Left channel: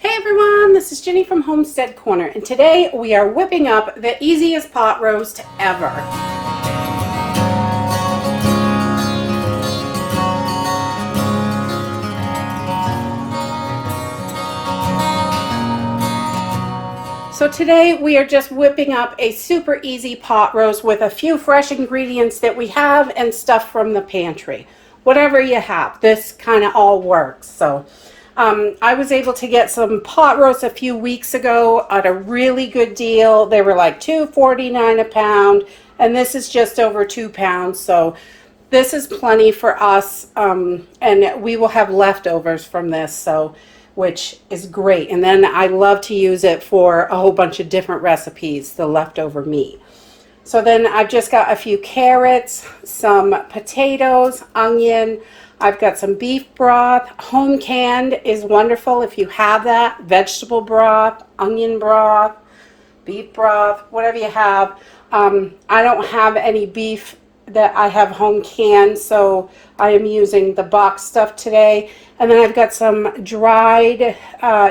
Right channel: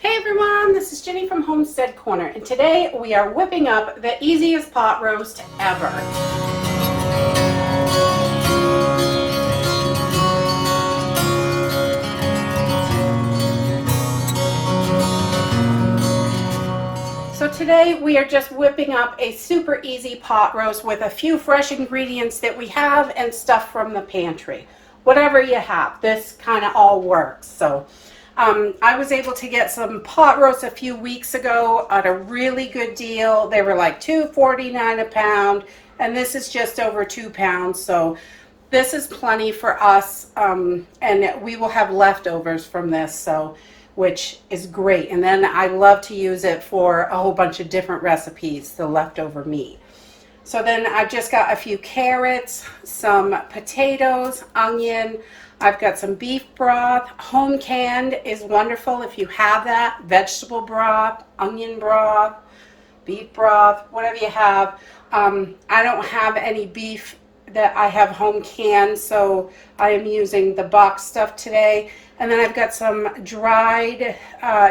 Hey everyone, this is Ginny from Homestead Corner, and today we are whipping up the easiest pot roast ever. So today we are just whipping up a super easy pot roast with a few fresh ingredients that we have and stuff from the pantry. Whatever you have, this kind of all works. So I was able to get some pot roasts a few weeks ago at a really good deal. They were like $2.49 a pound, and this is just over 2 pounds. So this is plenty for us, and we will have leftovers from this, so which is great. And then I love to use it for a whole bunch of different recipes, the leftover meat. So then I've just got a few carrots, some potatoes, onion. I've got some beef broth. Home canned is wonderful if you have that. Vegetable broth, onion broth, beef broth, whatever you have. I don't have any beef that I have home canned, so I am using the box stuff today. And then I've got some dried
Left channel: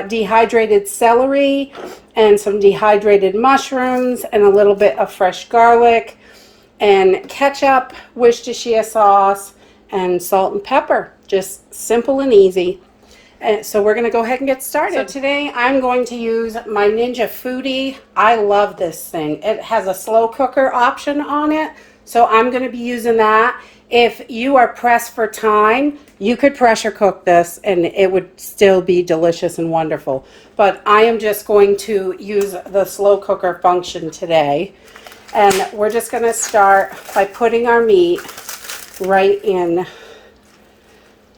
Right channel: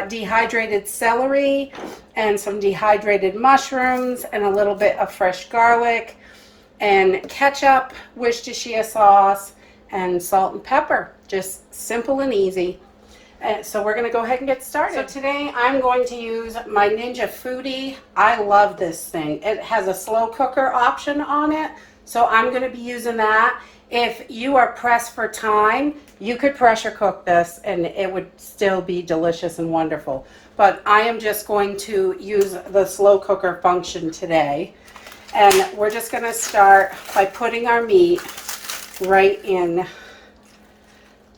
dehydrated celery and some dehydrated mushrooms and a little bit of fresh garlic and ketchup, Worcestershire sauce, and salt and pepper. Just simple and easy. And so we're going to go ahead and get started. So today I'm going to use my Ninja Foodi. I love this thing. It has a slow cooker option on it, so I'm going to be using that. If you are pressed for time, you could pressure cook this and it would still be delicious and wonderful. But I am just going to use the slow cooker function today. And we're just going to start by putting our meat right in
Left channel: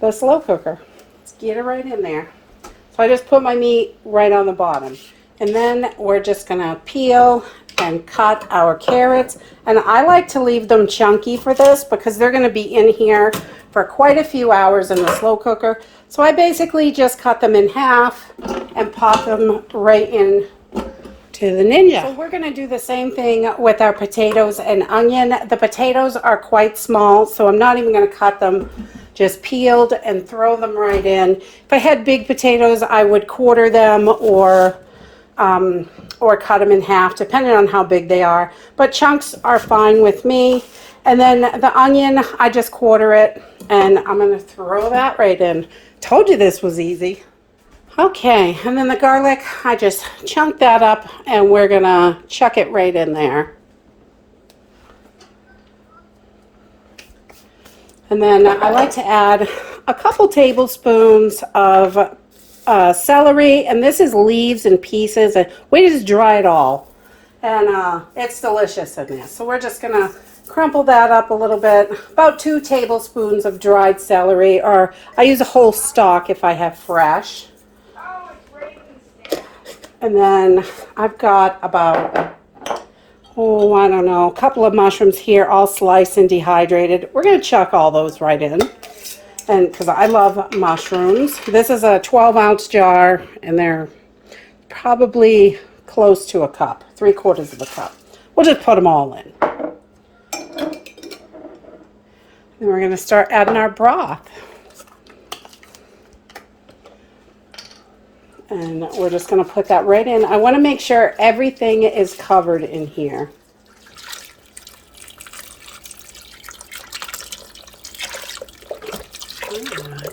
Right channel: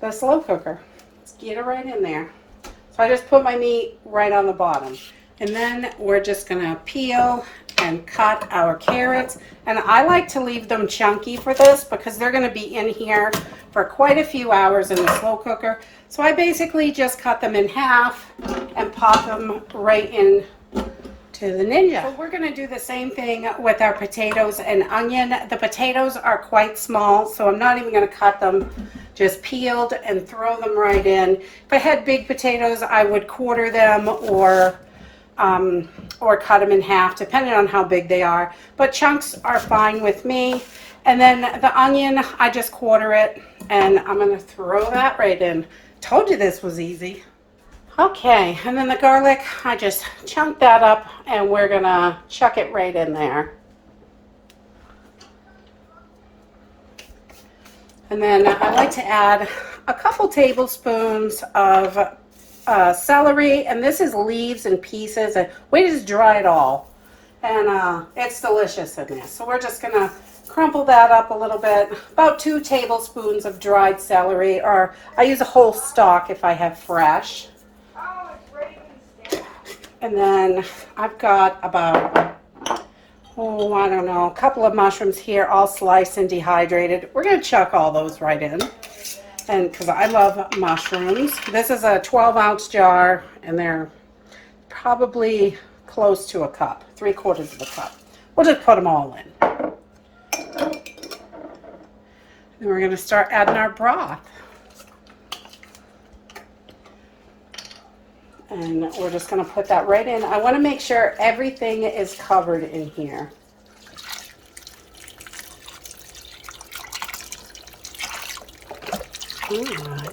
the slow cooker. Let's get it right in there. So I just put my meat right on the bottom. And then we're just going to peel and cut our carrots. And I like to leave them chunky for this because they're going to be in here for quite a few hours in the slow cooker. So I basically just cut them in half and pop them right in to the Ninja. So we're going to do the same thing with our potatoes and onion. The potatoes are quite small, so I'm not even going to cut them, just peeled and throw them right in. If I had big potatoes, I would quarter them or cut them in half, depending on how big they are. But chunks are fine with me. And then the onion, I just quarter it, and I'm going to throw that right in. Told you this was easy. Okay, and then the garlic, I just chunk that up, and we're going to chuck it right in there. And then I like to add a couple tablespoons of celery, and this is leaves and pieces, and we just dry it all, and it's delicious in this. So we're just gonna crumple that up a little bit, about 2 tablespoons of dried celery, or I use a whole stalk if I have fresh. And then I've got about, I don't know, a couple of mushrooms here, all sliced and dehydrated. We're gonna chuck all those right in. And because I love mushrooms. This is a 12-ounce jar, and they're probably close to a cup, 3/4 of a cup. We'll just put them all in. And we're going to start adding our broth. And we're just going to put that right in. I want to make sure everything is covered in here.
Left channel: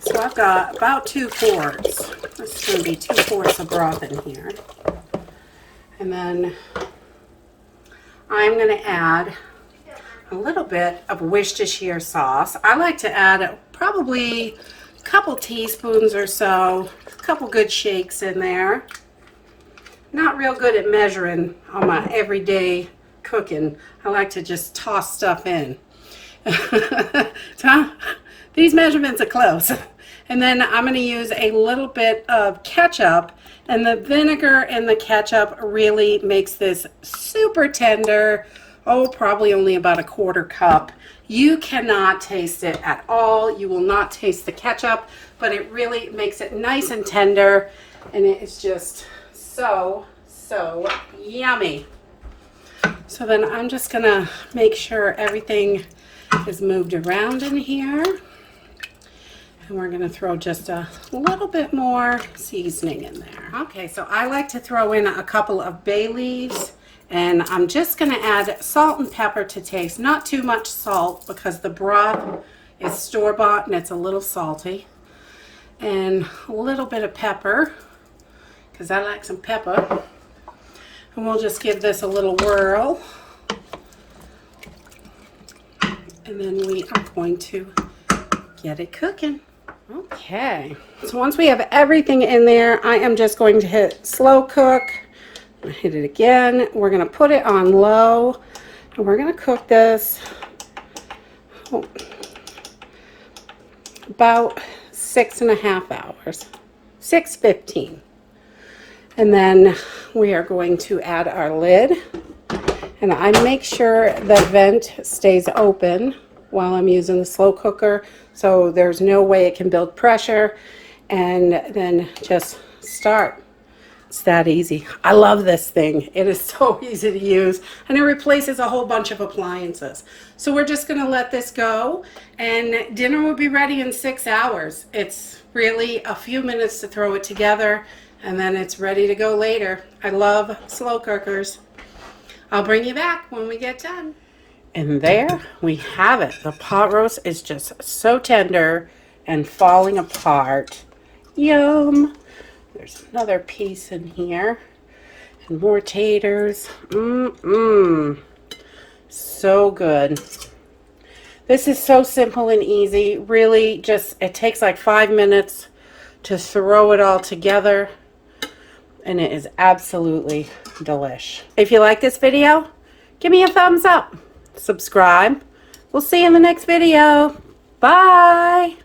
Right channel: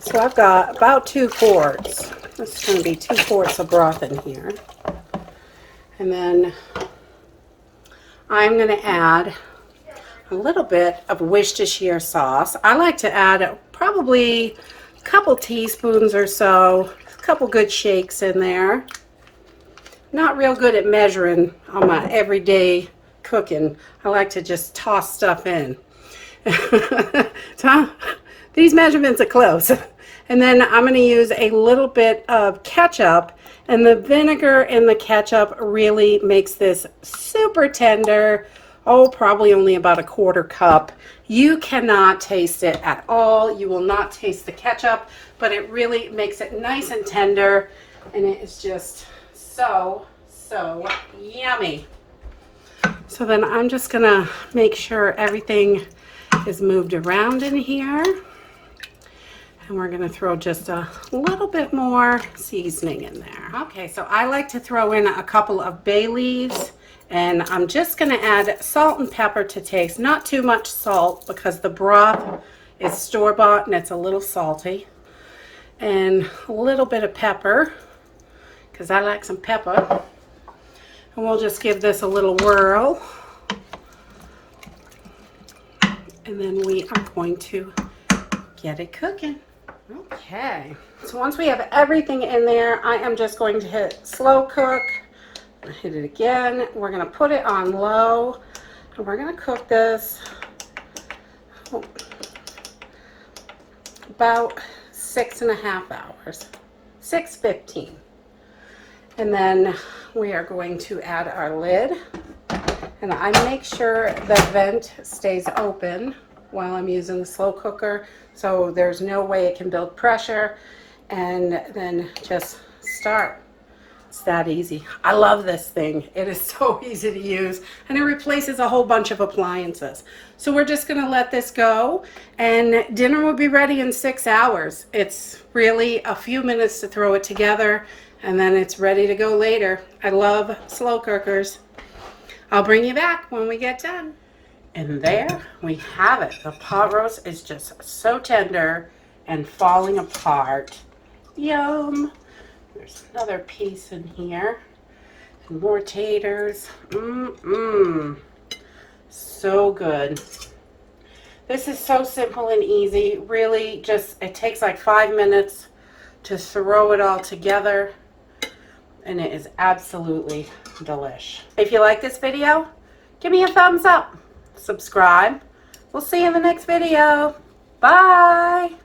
So I've got about 2 quarts. This is going to be 2 quarts of broth in here. And then I'm going to add a little bit of Worcestershire sauce. I like to add probably a couple teaspoons or so, a couple good shakes in there. Not real good at measuring on my everyday cooking. I like to just toss stuff in. So these measurements are close. And then I'm going to use a little bit of ketchup, and the vinegar and the ketchup really makes this super tender. Oh, probably only about a 1/4 cup. You cannot taste it at all. You will not taste the ketchup, but it really makes it nice and tender, and it is just so yummy. So then I'm just going to make sure everything is moved around in here. And we're gonna throw just a little bit more seasoning in there. Okay, so I like to throw in a couple of bay leaves, and I'm just gonna add salt and pepper to taste. Not too much salt because the broth is store-bought and it's a little salty. And a little bit of pepper, because I like some pepper. And we'll just give this a little whirl. And then we are going to get it cooking. Okay, so once we have everything in there, I am just going to hit slow cook. Hit it again. We're going to put it on low, and we're going to cook this about 6.5 hours, 6:15. And then we are going to add our lid, and I make sure the vent stays open while I'm using the slow cooker, so there's no way it can build pressure, and then just start. It's that easy. I love this thing. It is so easy to use, and it replaces a whole bunch of appliances. So we're just gonna let this go, and dinner will be ready in 6 hours. It's really a few minutes to throw it together, and then it's ready to go later. I love slow cookers. I'll bring you back when we get done. And there we have it. The pot roast is just so tender and falling apart. Yum. There's another piece in here. And more taters. So good. This is so simple and easy. Really just, it takes like 5 minutes to throw it all together. And it is absolutely delish. If you like this video, give me a thumbs up. Subscribe. We'll see you in the next video. Bye.